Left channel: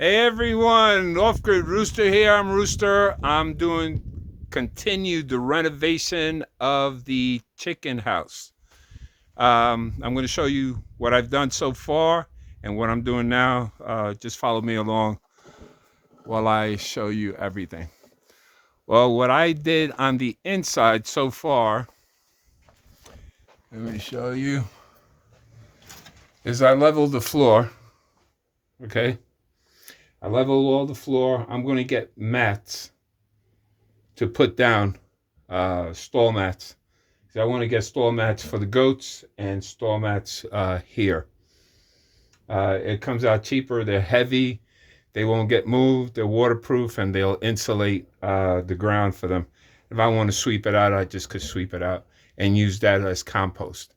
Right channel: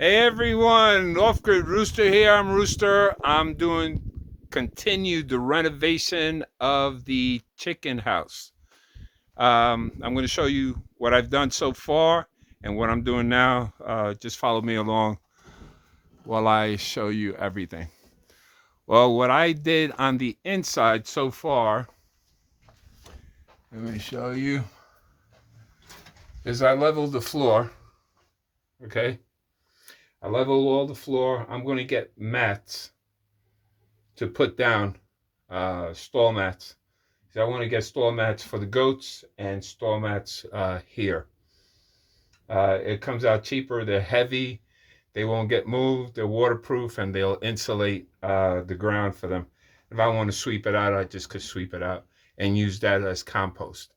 Hey everyone, Off-Grid Rooster here. I'm Rooster. I'm doing continued the renovation of the chicken house. I'm going to show you what I've done so far and what I'm doing now. Just follow me along while I show you everything. Well, what I did on the inside so far, let me show you, is I leveled the floor. Okay, I leveled all the floor. I'm going to get mats to put down, stall mats. So I want to get stall mats for the goats and stall mats here. It comes out cheaper. They're heavy. They won't get moved. They're waterproof and they'll insulate the ground for them. If I want to sweep it out, I just could sweep it out and use that as compost.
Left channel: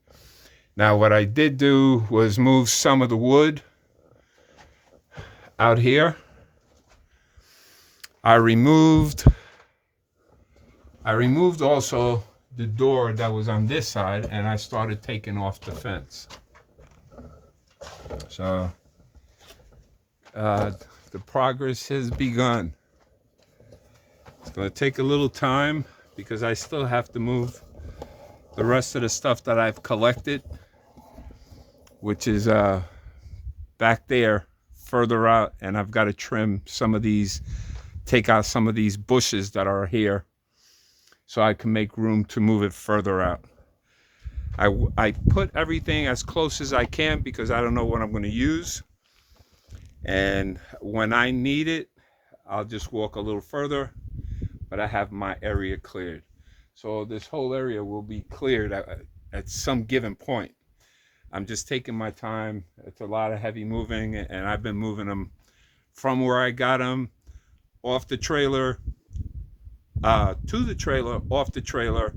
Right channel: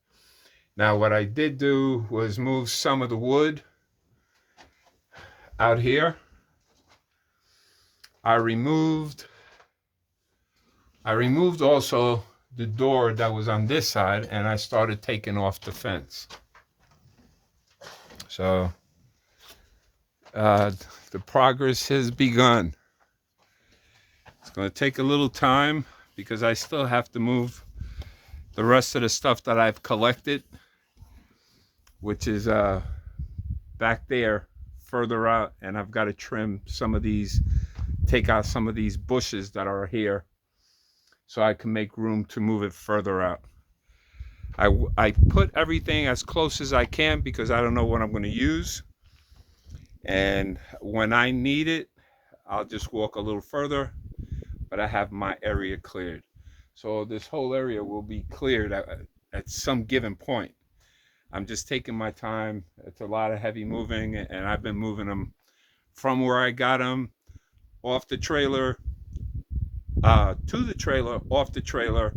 Now, what I did do was move some of the wood out here. I removed also the door that was on this side, and I started taking off the fence. So the progress has begun. It's going to take a little time because I still have to move the rest of the stuff that I've collected, which is back there further out, and I've got to trim some of these, take out some of these bushes that are here so I can make room to move it further out. I put everything as close as I can because I don't know what I'm going to use. And when I need it, I'll just walk a little further, but I have my area cleared. So this whole area will be cleared at some given point. I'm just taking my time. It's a lot of heavy moving, and I've been moving them from where I got them, off the trailer, to the trailer, off the trailer,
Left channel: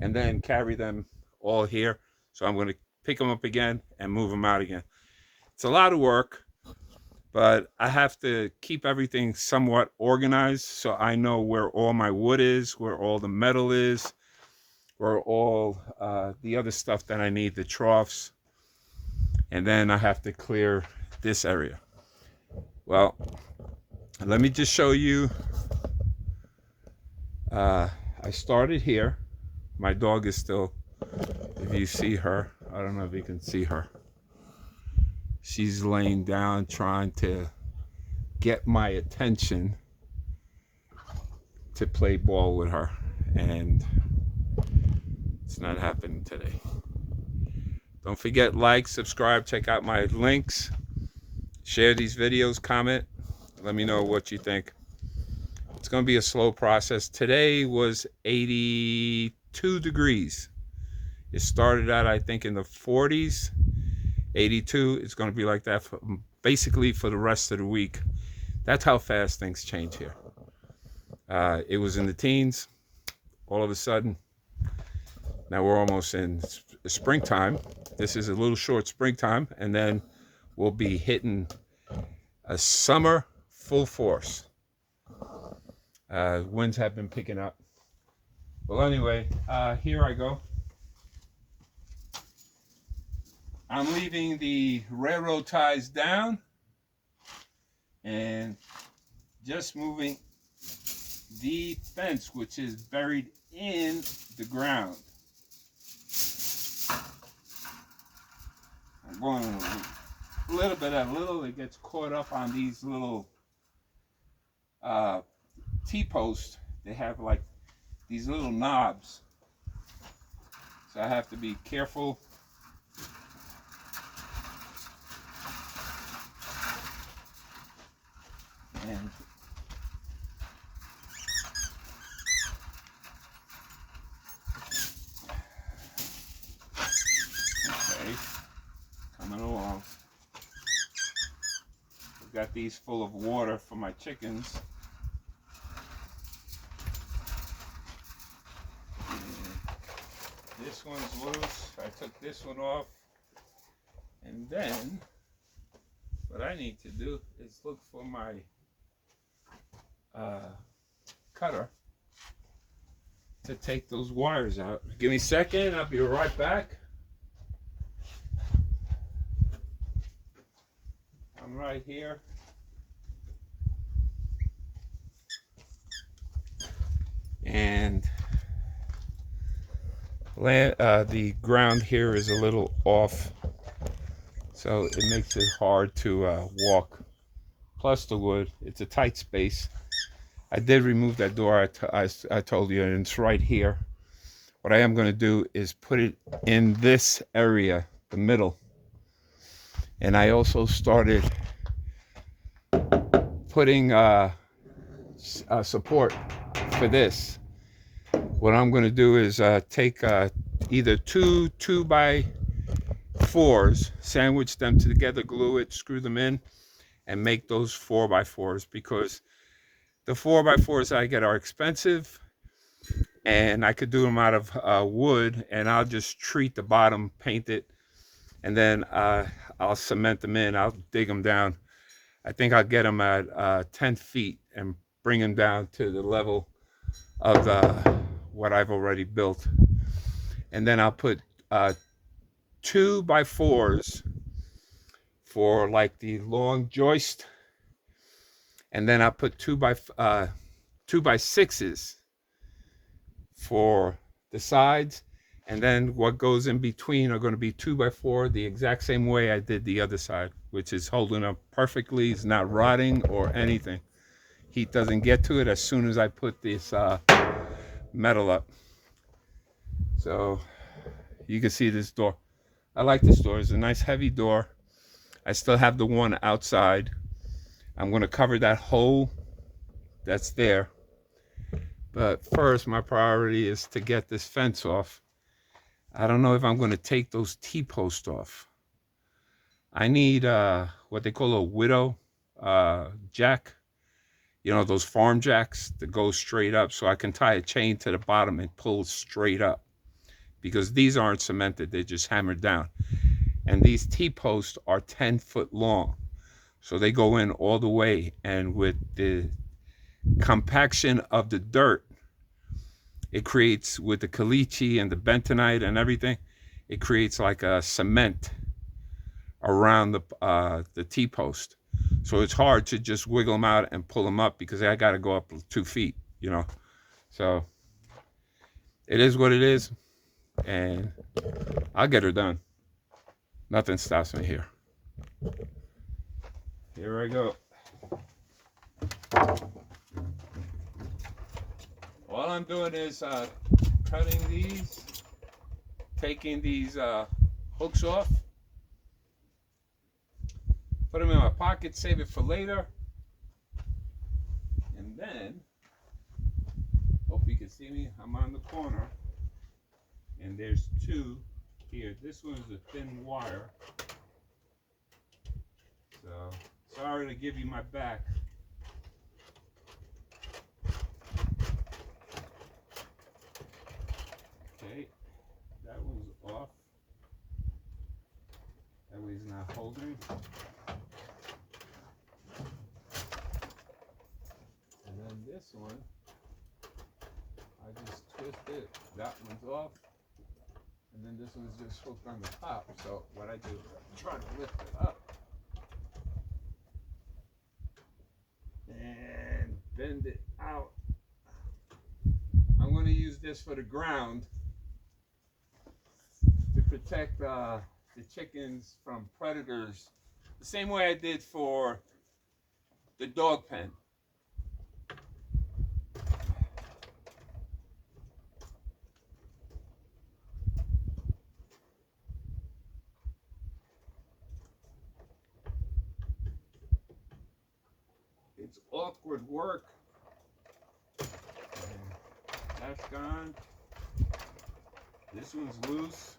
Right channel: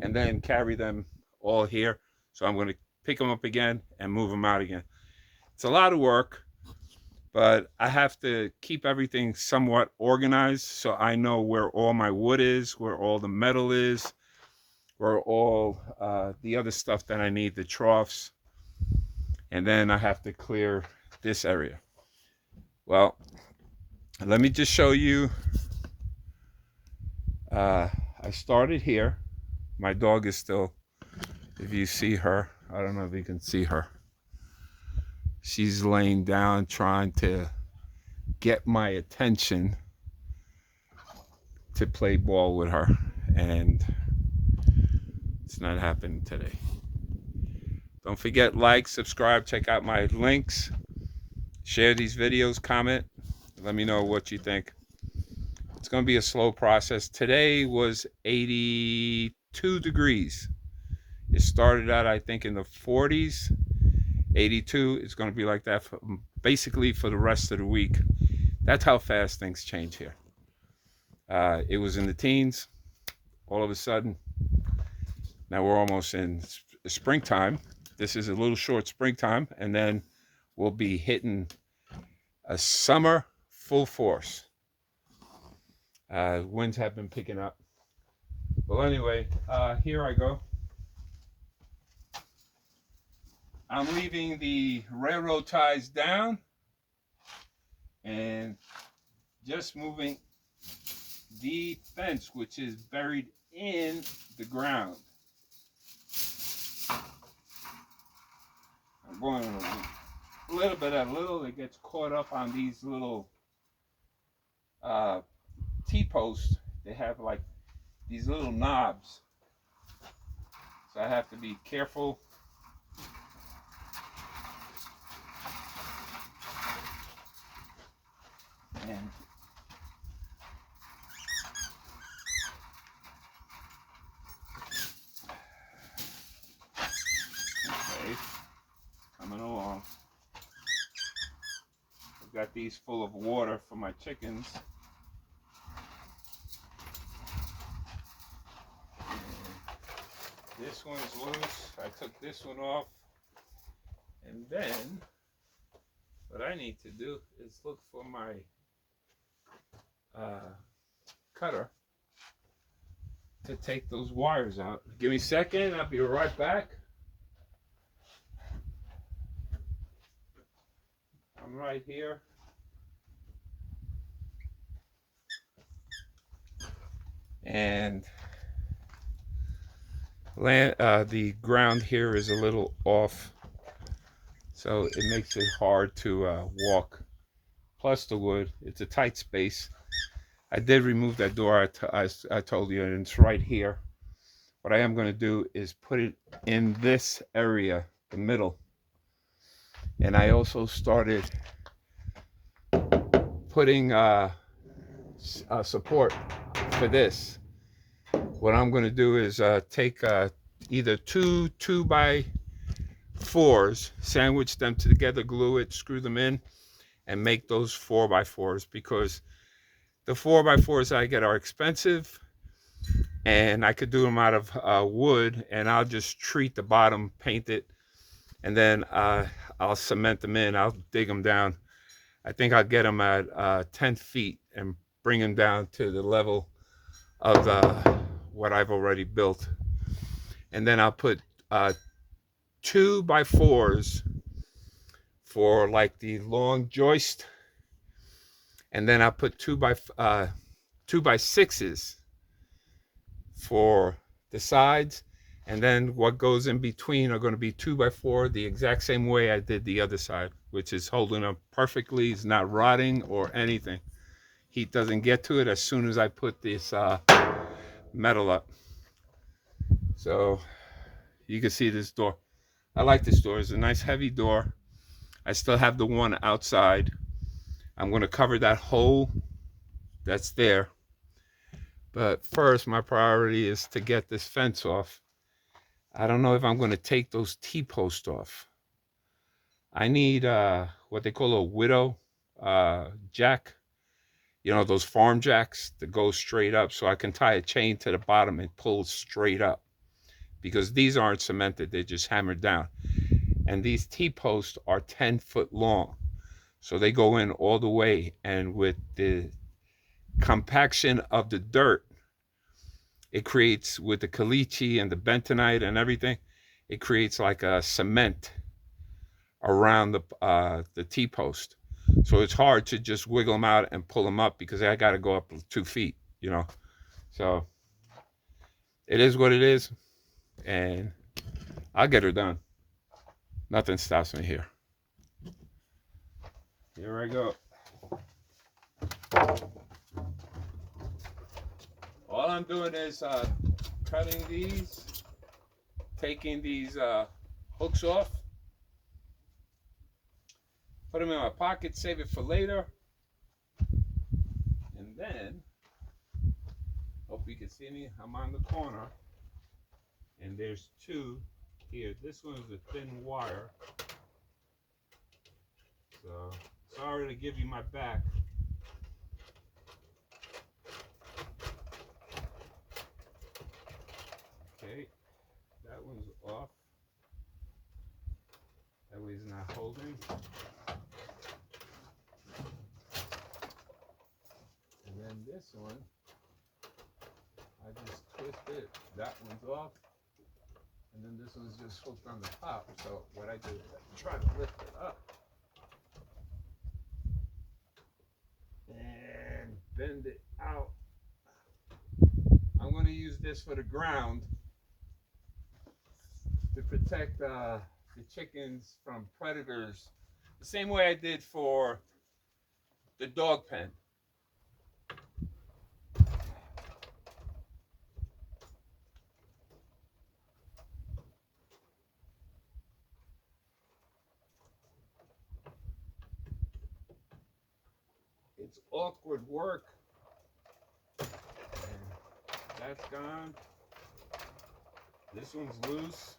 and then carry them all here. So I'm going to pick them up again and move them out again. It's a lot of work, but I have to keep everything somewhat organized so I know where all my wood is, where all the metal is, where all the other stuff that I need, the troughs, and then I have to clear this area. Well, let me just show you. I started here. My dog is still, if you see her, I don't know if you can see her. She's laying down trying to get my attention to play ball with her, and it's not happening today. Don't forget, like, subscribe, check out my links, share these videos, comment, let me know what you think. It's going to be a slow process. Today was 82 degrees. It started out, I think, in the 40s. 82, it's going to be like that basically for the rest of the week. That's how fast things change here. It was in the teens. All of a sudden, now we're almost in springtime. This is a little short springtime, and then we'll be hitting a summer full force. Winds have been picking up. Well, anyway, here I go. I'm leaving the railroad ties down and just moving the fence, which is buried in the ground. I'm going a little bit at a little. It gets caught up on these little T-posts. They have like these little knobs, so I have to be careful. And okay, coming along. I've got these full of water for my chickens. And this one's loose. I took this one off. And then what I need to do is look for my cutter to take those wires out. Give me a second, I'll be right back. I'm right here. and the ground here is a little off, so it makes it hard to walk. Plus the wood, it's a tight space. I did remove that door I told you, and it's right here. What I am going to do is put it in this area, the middle. And I also started putting support for this. What I'm going to do is take either two 2x4s, sandwich them together, glue it, screw them in, and make those 4x4s, because the 4x4s I get are expensive, and I could do them out of wood, and I'll just treat the bottom, paint it, and then I'll cement them in. I'll dig them down. I think I'll get them at 10 feet and bring them down to the level of what I've already built. And then I'll put 2x4s for like the long joist, and then I'll put 2x6s for the sides, and then what goes in between are going to be 2x4 the exact same way I did the other side, which is holding up perfectly. It's not rotting or anything. Heat doesn't get to it as soon as I put this metal up. So you can see this door. I like this door. It's a nice heavy door. I still have the one outside. I'm going to cover that hole that's there. But first, my priority is to get this fence off. I don't know if I'm going to take those T-posts off. I need what they call a widow jack. You know, those farm jacks that go straight up, so I can tie a chain to the bottom and pull straight up. Because these aren't cemented, they're just hammered down. And these T-posts are 10 foot long. So they go in all the way, and with the compaction of the dirt, it creates, with the caliche and the bentonite and everything, it creates like a cement around the T-post. So it's hard to just wiggle them out and pull them up, because I got to go up 2 feet, you know. So it is what it is, and I'll get her done. Nothing stops me here. Here I go. All I'm doing is cutting these, taking these hooks off, put them in my pocket, save it for later, and then, hope you can see me, I'm on the corner, and there's two here. This one's a thin wire, so sorry to give you my back. Okay, that one's off. That way it's not holding. And then this one, I just twist it. That one's off. And then this one's just hooked on the top. So what I do is I try to lift it up and bend it out. I'm going to use this for the ground to protect the chickens from predators, the same way I did for the dog pen. It's awkward work. And that's gone. This one's loose.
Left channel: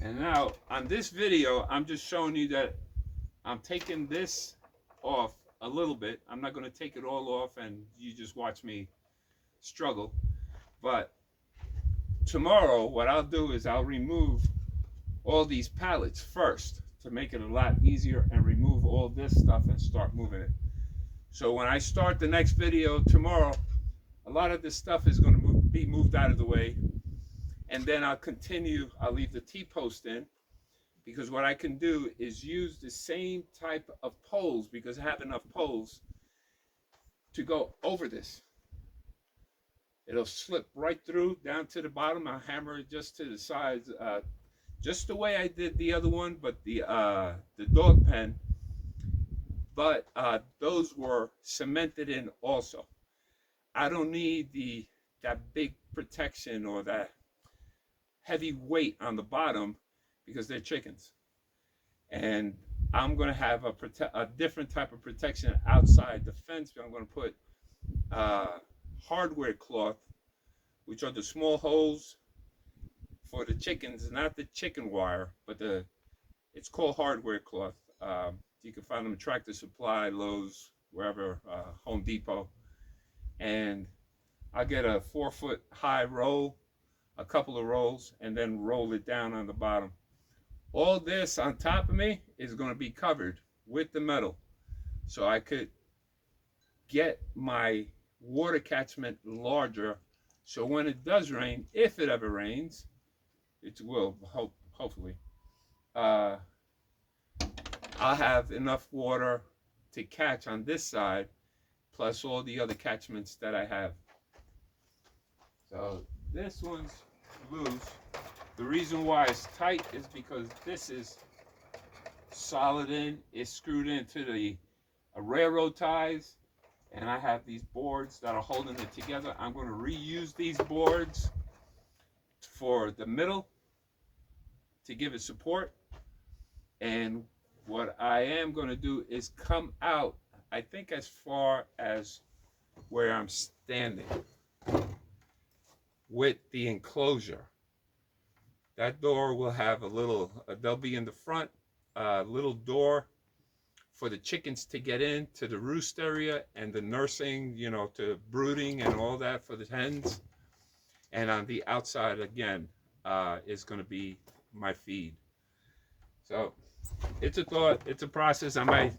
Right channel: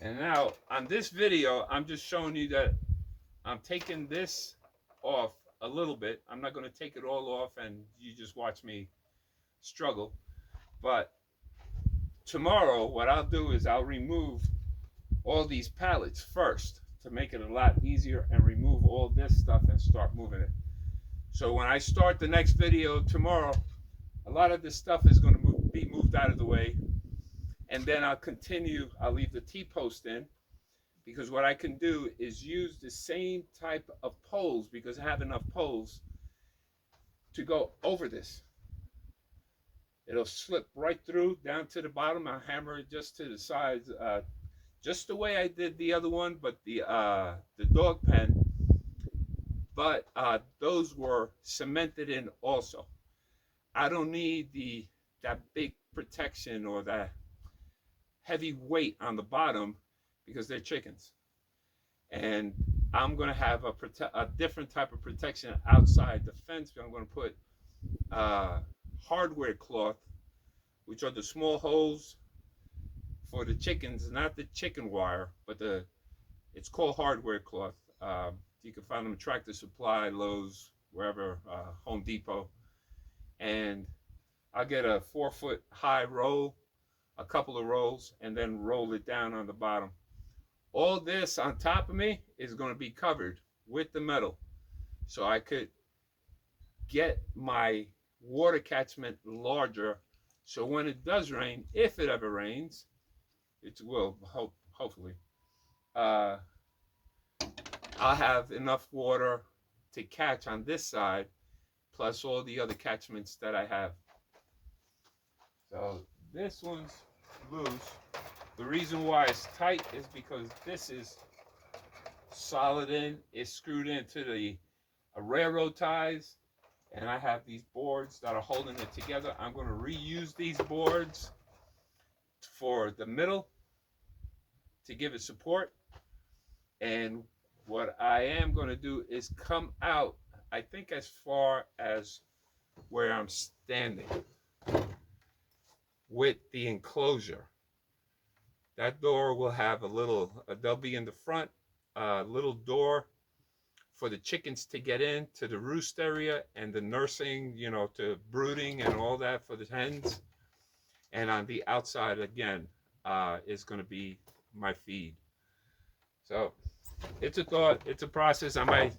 And now on this video, I'm just showing you that I'm taking this off a little bit. I'm not going to take it all off and you just watch me struggle. But tomorrow, what I'll do is I'll remove all these pallets first to make it a lot easier, and remove all this stuff and start moving it. So when I start the next video tomorrow, a lot of this stuff is going to be moved out of the way. And then I'll continue, I'll leave the T-post in, because what I can do is use the same type of poles, because I have enough poles to go over this. It'll slip right through down to the bottom. I'll hammer it just to the sides, just the way I did the other one, but the dog pen. But those were cemented in also. I don't need that big protection or that heavy weight on the bottom because they're chickens. And I'm going to have a different type of protection outside the fence. I'm going to put hardware cloth, which are the small holes for the chickens, not the chicken wire, but it's called hardware cloth. You can find them at Tractor Supply, Lowe's, wherever, Home Depot. And I'll get a 4-foot high roll, a couple of rolls, and then roll it down on the bottom. All this on top of me is going to be covered with the metal, so I could get my water catchment larger, so when it does rain, if it ever rains, it will, hopefully, I'll have enough water to catch on this side, plus all the other catchments that I have. So this one's loose. The reason why it's tight is because this is solid in, it's screwed into the railroad ties, and I have these boards that are holding it together. I'm going to reuse these boards for the middle to give it support. And what I am going to do is come out, I think, as far as where I'm standing with the enclosure. That door will have they'll be in the front, little door for the chickens to get in to the roost area and the nursing, to brooding and all that for the hens. And on the outside, again, is going to be my feed. So it's a thought, it's a process. I might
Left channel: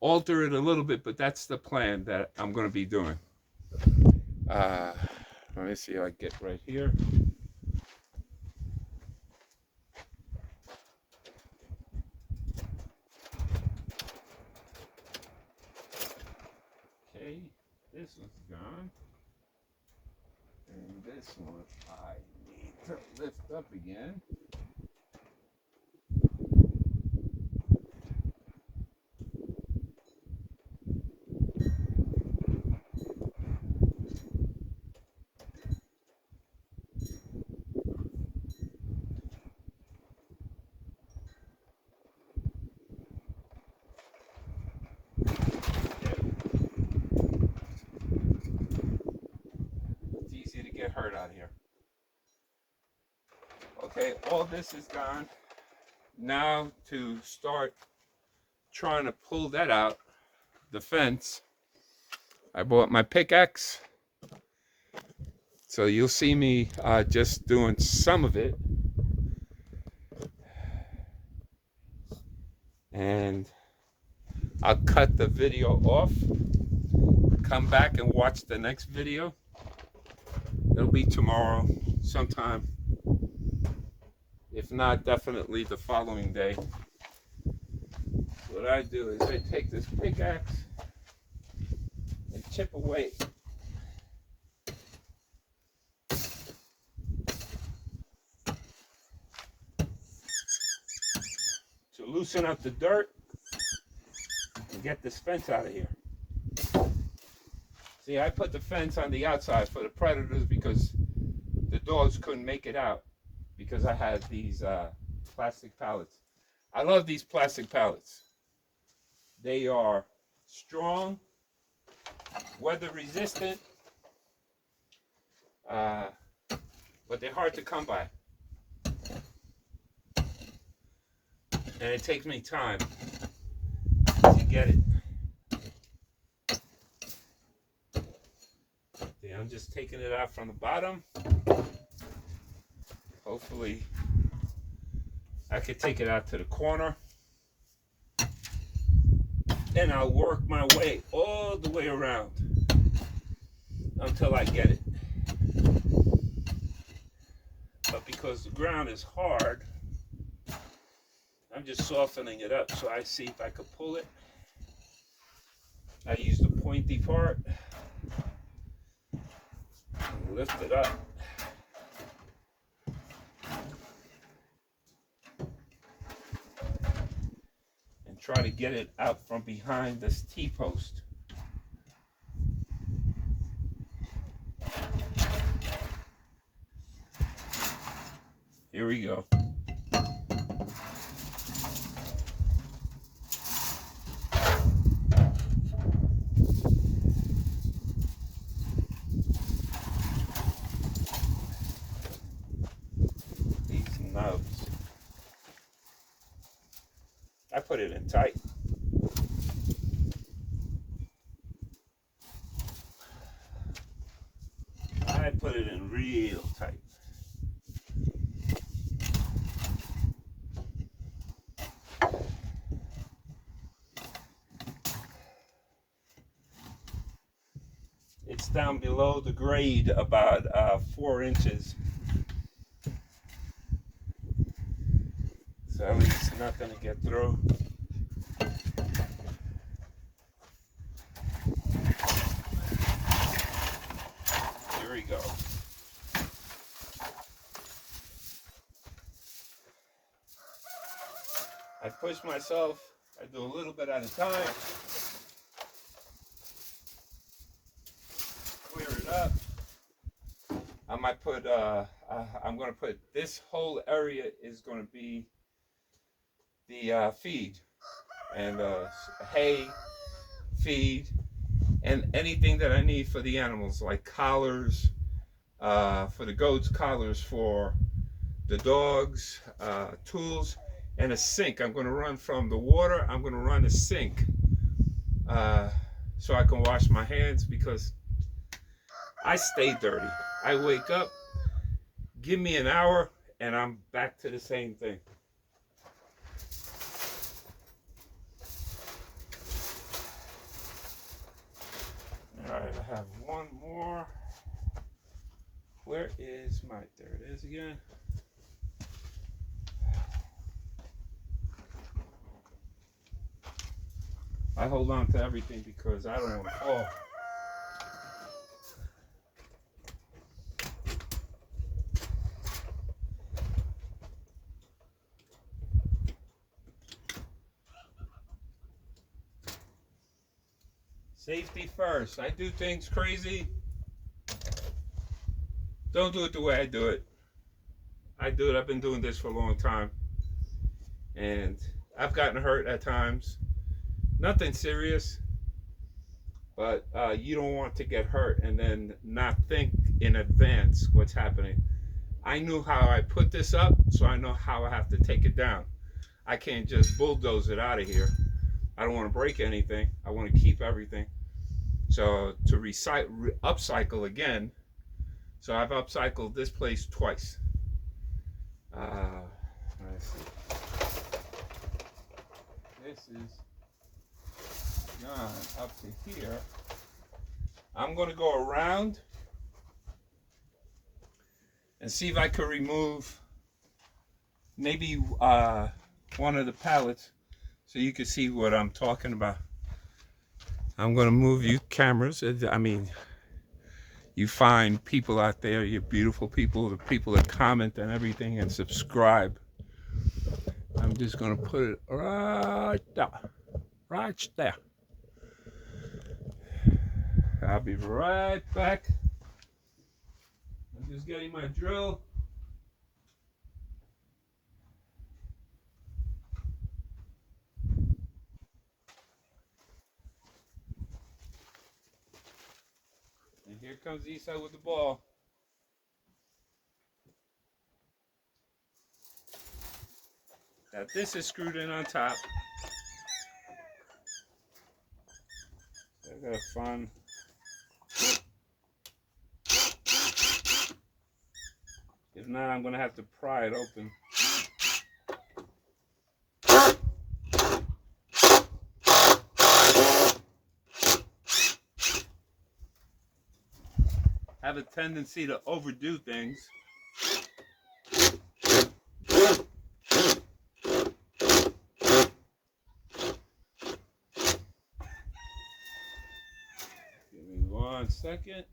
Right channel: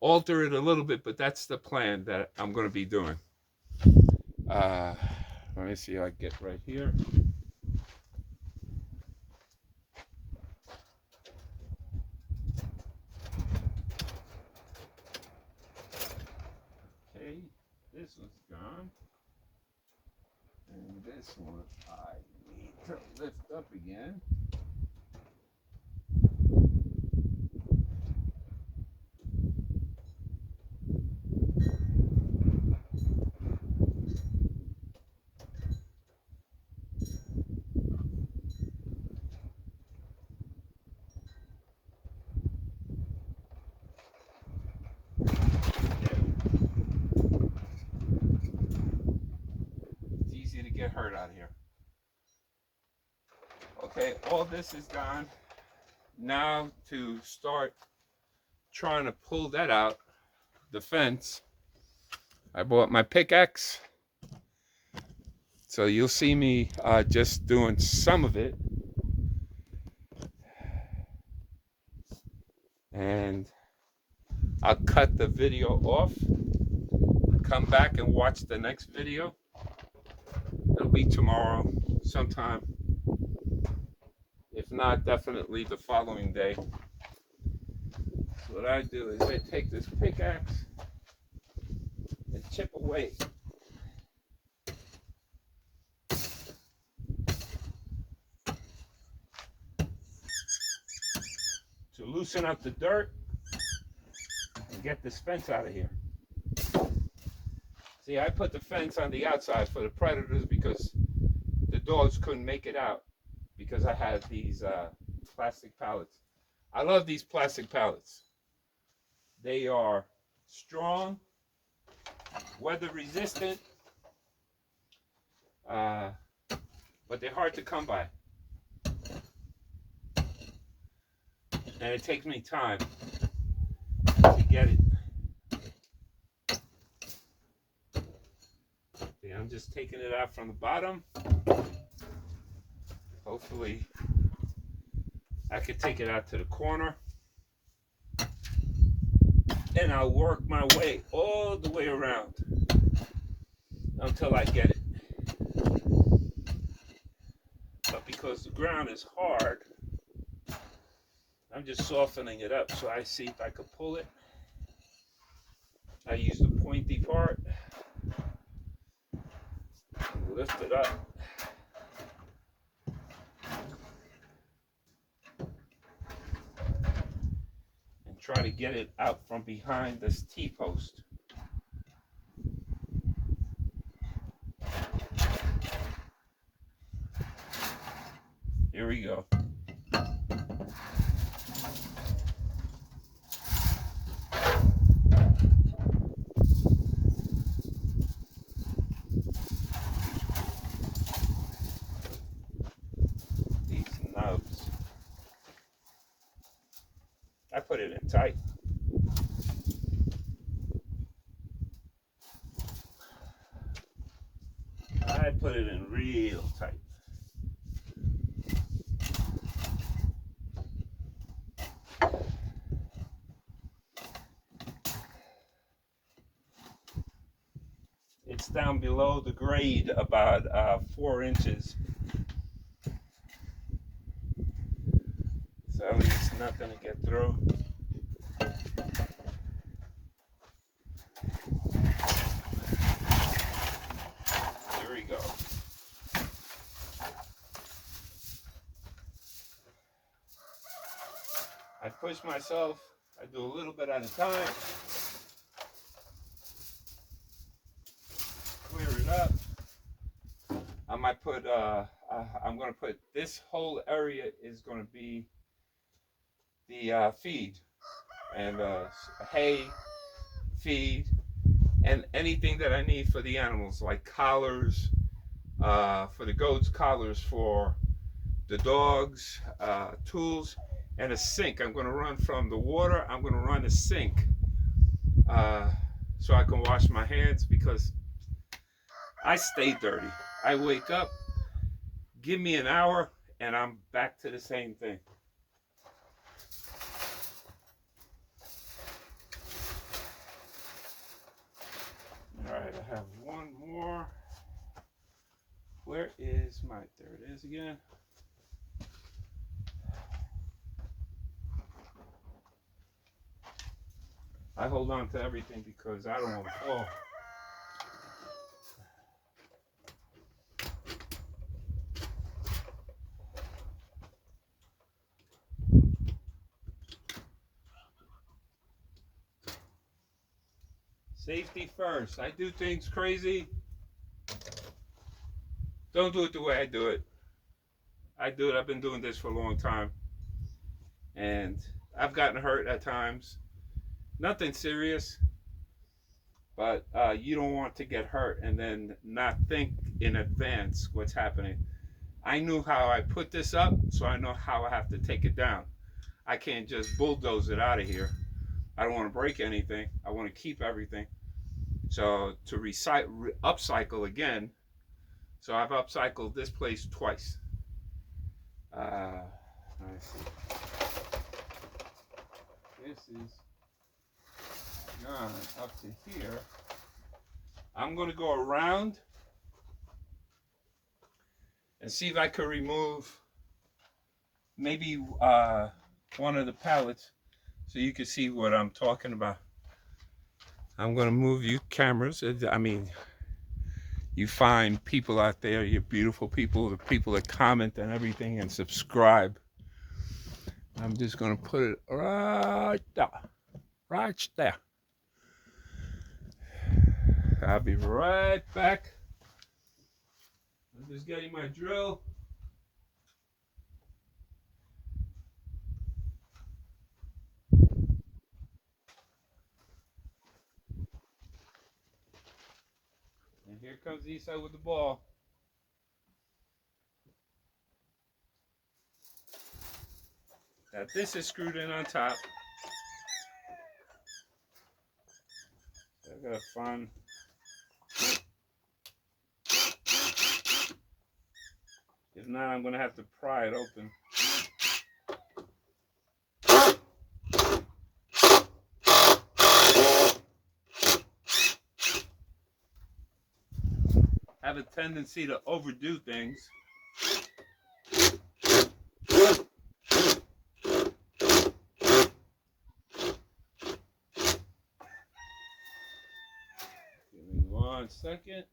alter it a little bit, but that's the plan that I'm going to be doing. Let me see if I get right here. Okay, this one's gone. And this one I need to lift up again. Get hurt out here. Okay, all this is gone. Now to start trying to pull that out, the fence, I bought my pickaxe. So you'll see me just doing some of it. And I'll cut the video off, come back and watch the next video. It'll be tomorrow sometime. If not, definitely the following day. What I do is I take this pickaxe and chip away. To loosen up the dirt and get this fence out of here. See, I put the fence on the outside for the predators because the dogs couldn't make it out because I had these plastic pallets. I love these plastic pallets. They are strong, weather resistant, but they're hard to come by. And it takes me time to get it. I'm just taking it out from the bottom. Hopefully I could take it out to the corner. And I'll work my way all the way around until I get it. But because the ground is hard, I'm just softening it up so I see if I could pull it. I use the pointy part. lift it up. And try to get it out from behind this T-post. Here we go. These nubs. I put it in tight. I put it in real tight. It's down below the grade about 4 inches. So it's not going to get through. Here we go. I push myself. I do a little bit at a time. Clear it up. I might put, I'm going to put, this whole area is going to be the feed. And hay, feed, and anything that I need for the animals, like collars, for the goats, collars for the dogs, tools, and a sink. I'm going to run from the water, I'm going to run a sink so I can wash my hands, because I stay dirty. I wake up, give me an hour, and I'm back to the same thing. All right, I have one more. Where is my, there it is again. I hold on to everything because I don't want to fall. Safety first. I do things crazy. Don't do it the way I do it. I do it. I've been doing this for a long time. And I've gotten hurt at times. Nothing serious. But you don't want to get hurt and then not think in advance what's happening. I knew how I put this up, so I know how I have to take it down. I can't just bulldoze it out of here. I don't want to break anything. I want to keep everything. So to upcycle again, so I've upcycled this place twice. Let's see. This is gone up to here. I'm going to go around and see if I can remove maybe one of the pallets so you can see what I'm talking about. I'm going to move you cameras. I mean, you find people out there, you're beautiful people, the people that comment and everything and subscribe. I'm just going to put it right there. Right there. I'll be right back. I'm just getting my drill. And here comes Isa with the ball. Now this is screwed in on top. I gotta find. If not, I'm gonna have to pry it open. I have a tendency to overdo things. Give me 1 second.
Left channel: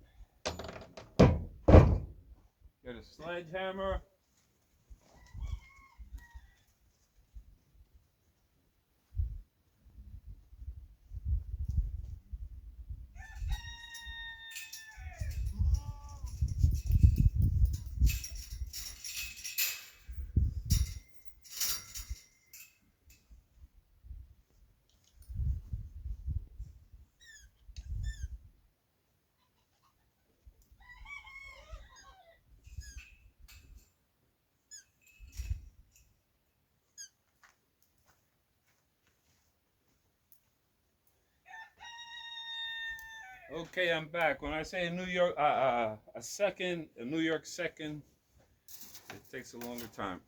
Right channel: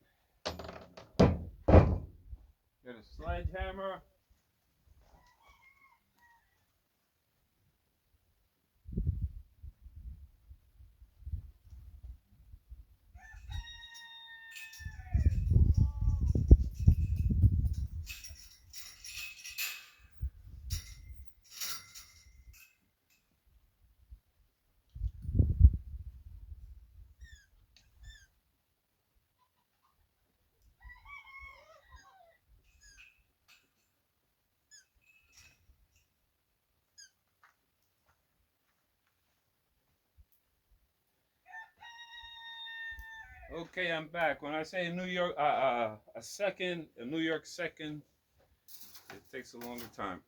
Get a sledgehammer. Okay, I'm back. When I say New York, a New York second, it takes a longer time.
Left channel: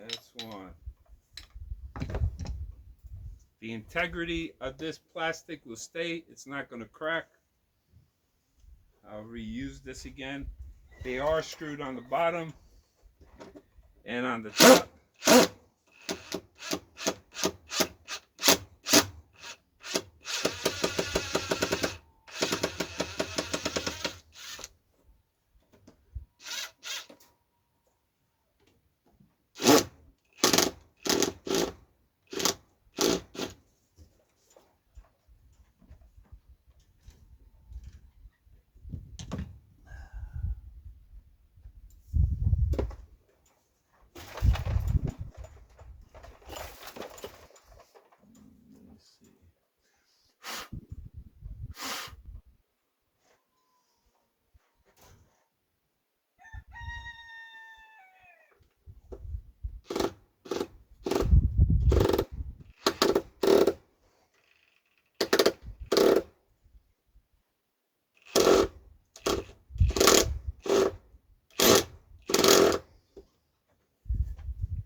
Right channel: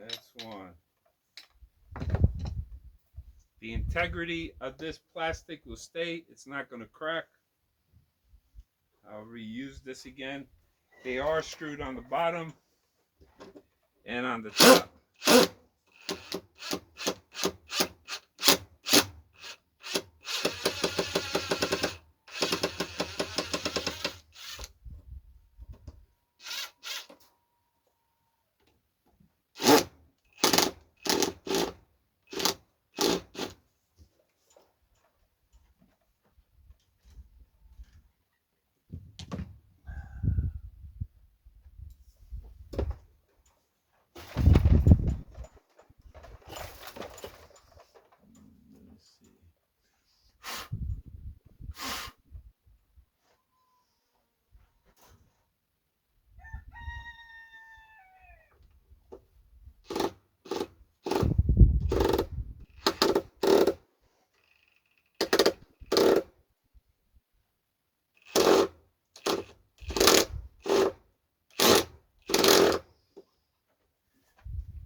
That's one. The integrity of this plastic will stay. It's not going to crack. I'll reuse this again. They are screwed on the bottom and on the top.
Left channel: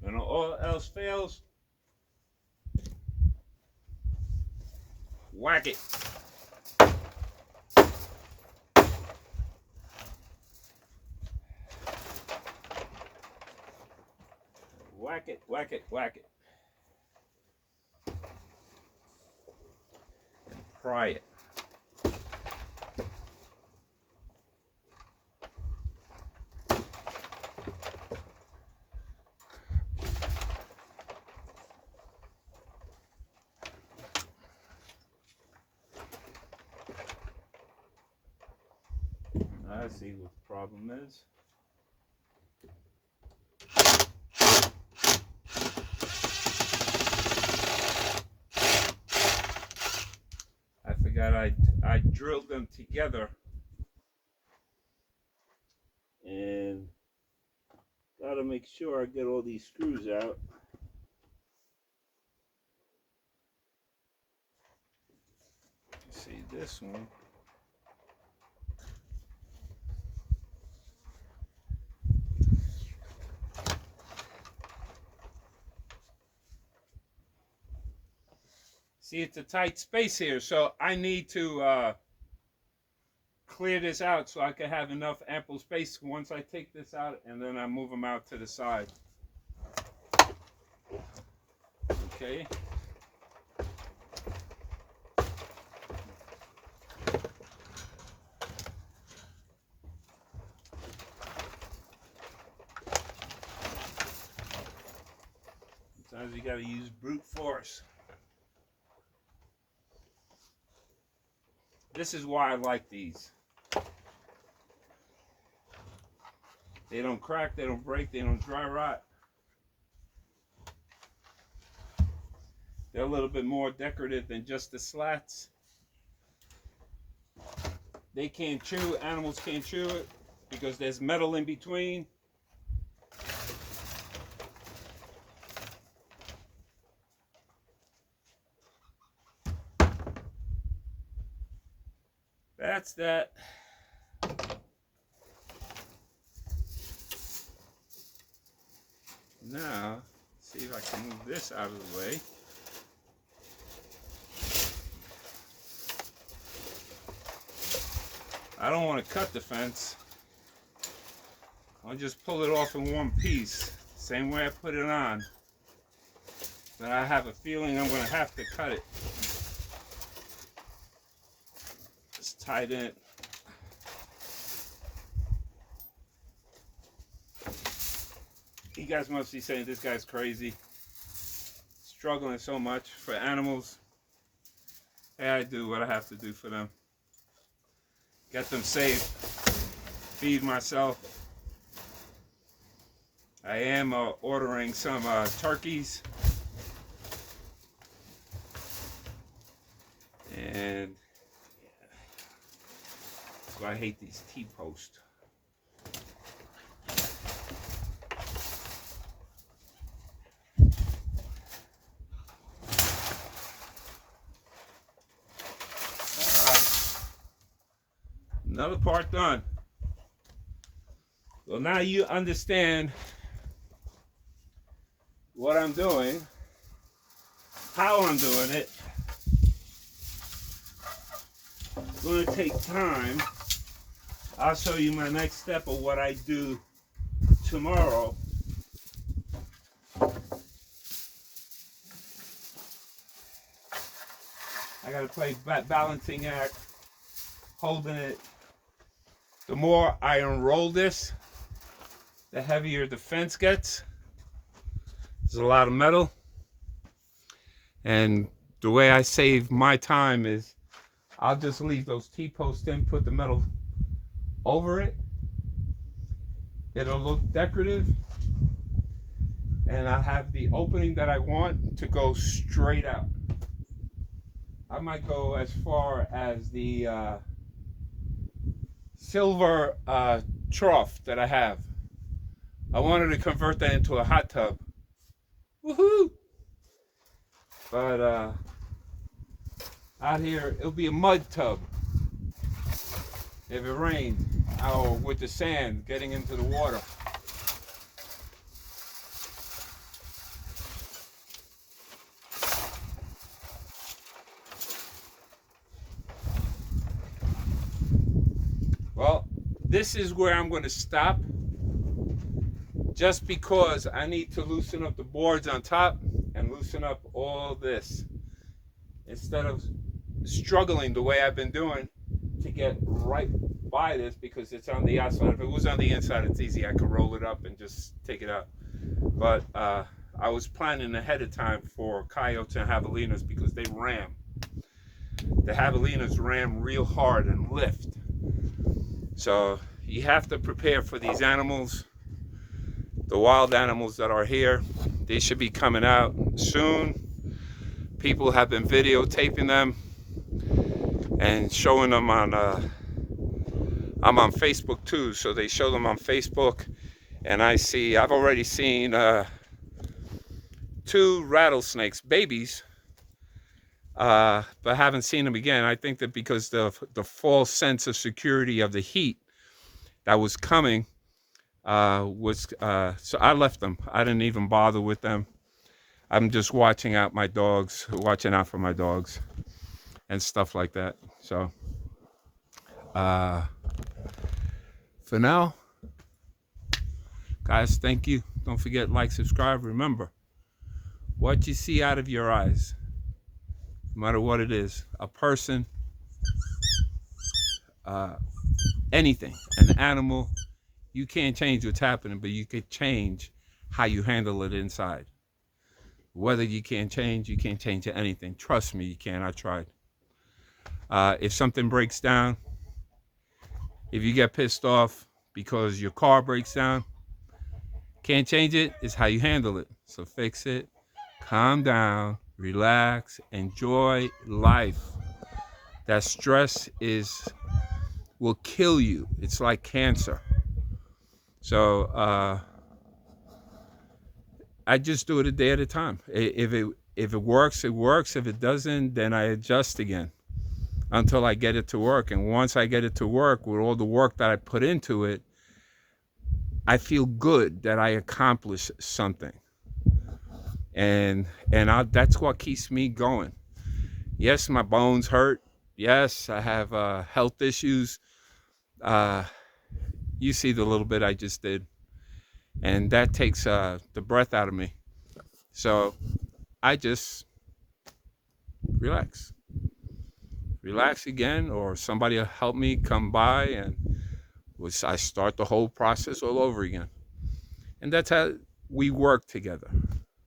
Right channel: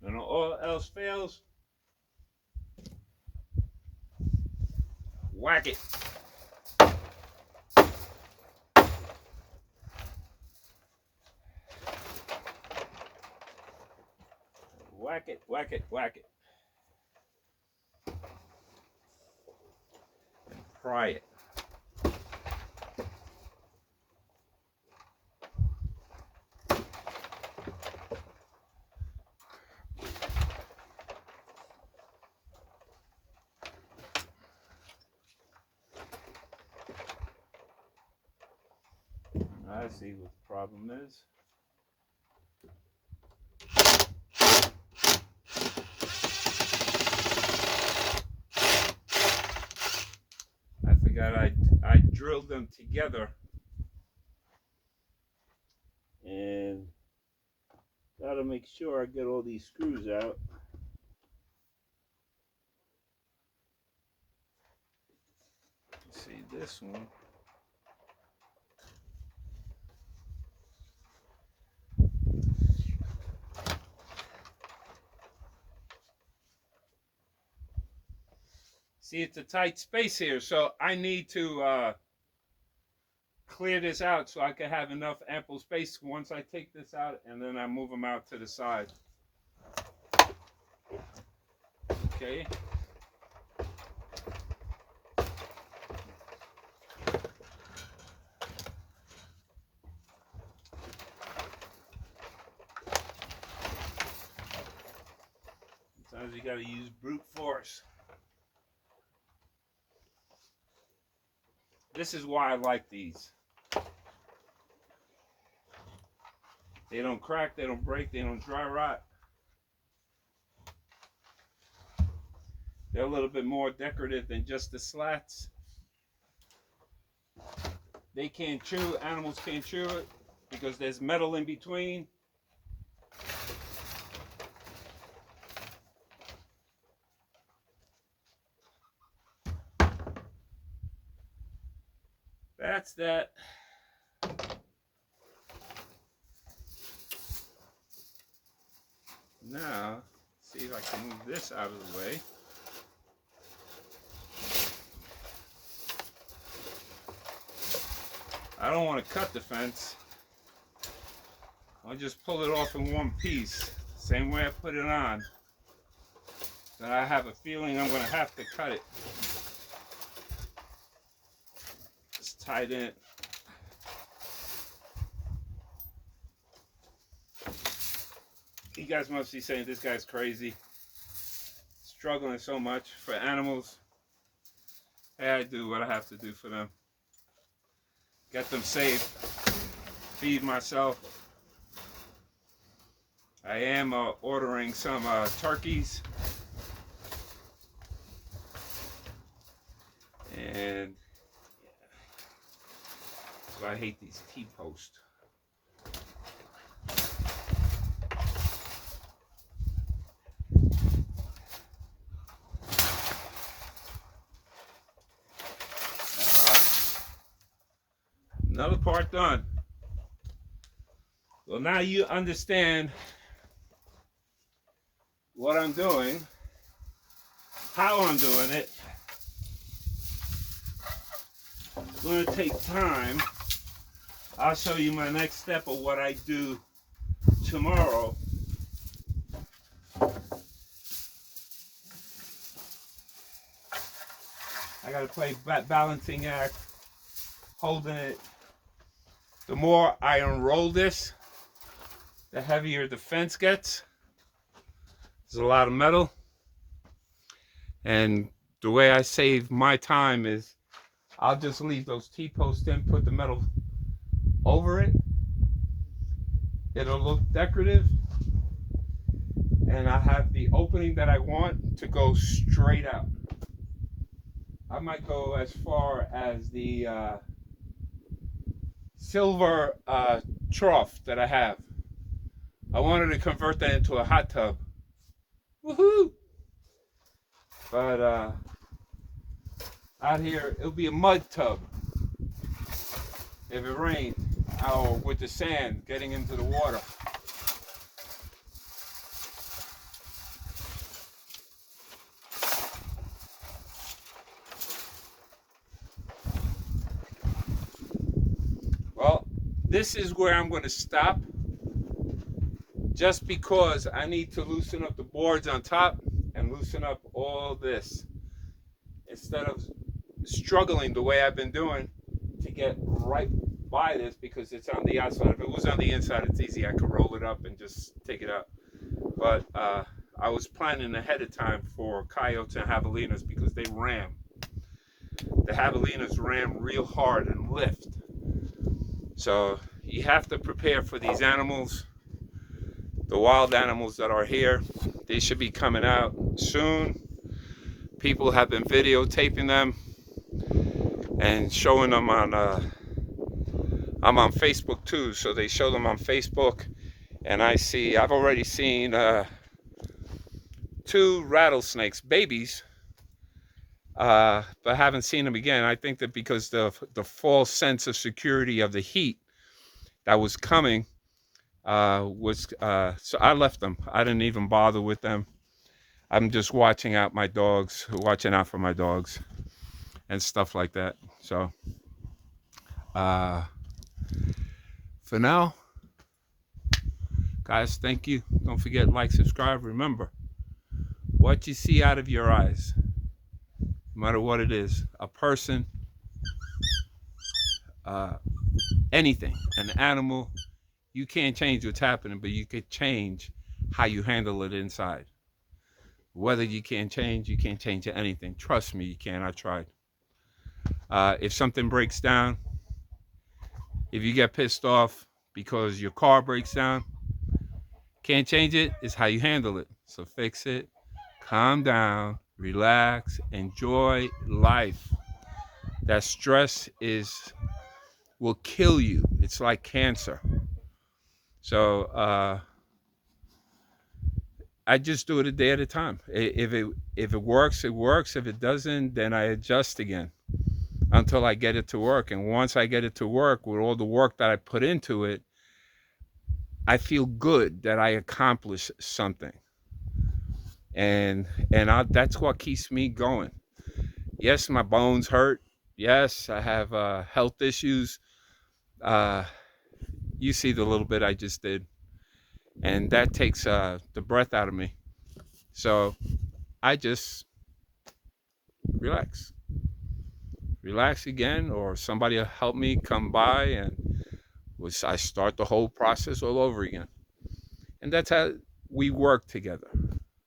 When all else fails, whack it. Whack it, whack it, whack it. And pry it. I see what the problem is. I forgot I drilled them together and gotta make sure I get all these screws out. See this one. See, it's a tight space here, so I need to clear this out so I can have enough ample space once I take this out, and then I move them out to the side. Okay. Sometimes you gotta use brute force. This is why I like these. They don't crack, they don't break, they don't dry rot. They're a little bit more decorative than just the slats. They can't chew, animals can't chew it because there's metal in between. That's that. Now, see if I can move this out of the way. I don't want to cut the fence. I'll just pull it off in one piece, same way I put it on. Then I have a feeling I'm going to have to cut it. Just tighten it. You guys must be saying this guy's crazy, struggling so much for animals. Hey, I do what I have to do for them. Get them safe, feed myself. I am ordering some turkeys. And I hate these T-posts. Another part done. Well, now you understand what I'm doing, how I'm doing it. It's going to take time. I'll show you my next step of what I do tomorrow. I got to play balancing act, holding it. The more I unroll this, the heavier the fence gets. There's a lot of metal. And the way I save my time is I'll just leave those T-posts in, put the metal over it. It'll look decorative. And I have the opening that I want to go straight out. I might go as far as the silver trough that I have. I wanted to convert that into a hot tub. Woohoo! But out here, it'll be a mud tub. If it rains, or with the sand getting into the water. Well, this is where I'm going to stop, just because I need to loosen up the boards on top and loosen up all this, instead of struggling the way I've been doing to get right by this, because it's on the outside. If it was on the inside, it's easy. I could roll it up and just take it out. But I was planning ahead of time for coyotes and javelinas, because they ram. The javelinas ram real hard and lift. So you have to prepare for these animals. The wild animals that are here, they should be coming out soon. People have been videotaping them and showing them on, I'm on Facebook too, so they show them on Facebook. And I've already seen 2 rattlesnakes, babies, but haven't seen them again. I think that because the false sense of security of the heat that was coming so I left them. I didn't even bother with them. I'm just watching out for my dogs and stuff like that. So for now, guys, thank you. Don't forget, like, subscribe. Remember, what you see out of your eyes, no matter what it is, a person, anything, an animal, you can't change what's happening, but you could change how you handle it inside. Whether you can't change anything. Trust me, you can. I tried. If something breaks down, if you get pissed off because your car breaks down, can't change it, it's how you handle it. So fix it, calm down, relax, enjoy life. That stress will kill you. It's like cancer. So I just do it a day at a time. If it works, it works. If it doesn't, then I adjust again until I get it to work. And once I get it to work, with all the work that I put into it, I feel good that I accomplished something. And that's what keeps me going. Yes, my bones hurt. Yes, I have health issues. You see the little bit I just did. And that takes the breath out of me. So I just relax again, or somebody will help me come by, and I start the whole process all over again. And that's how we work together.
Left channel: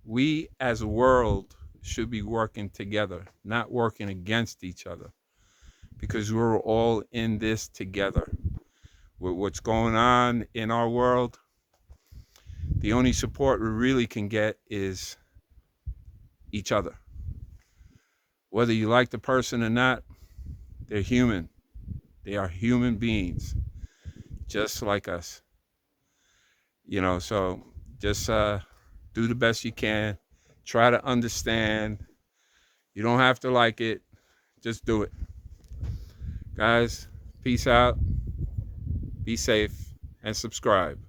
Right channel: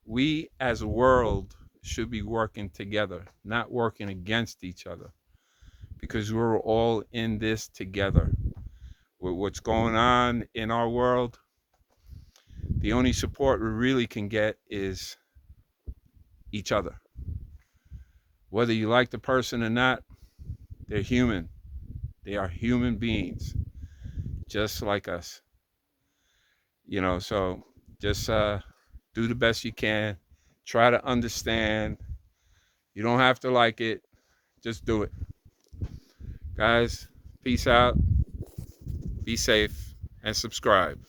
We as a world should be working together, not working against each other, because we're all in this together. With what's going on in our world, the only support we really can get is each other. Whether you like the person or not, they're human. They are human beings, just like us. So just do the best you can. Try to understand. You don't have to like it. Just do it. Guys, peace out. Be safe and subscribe.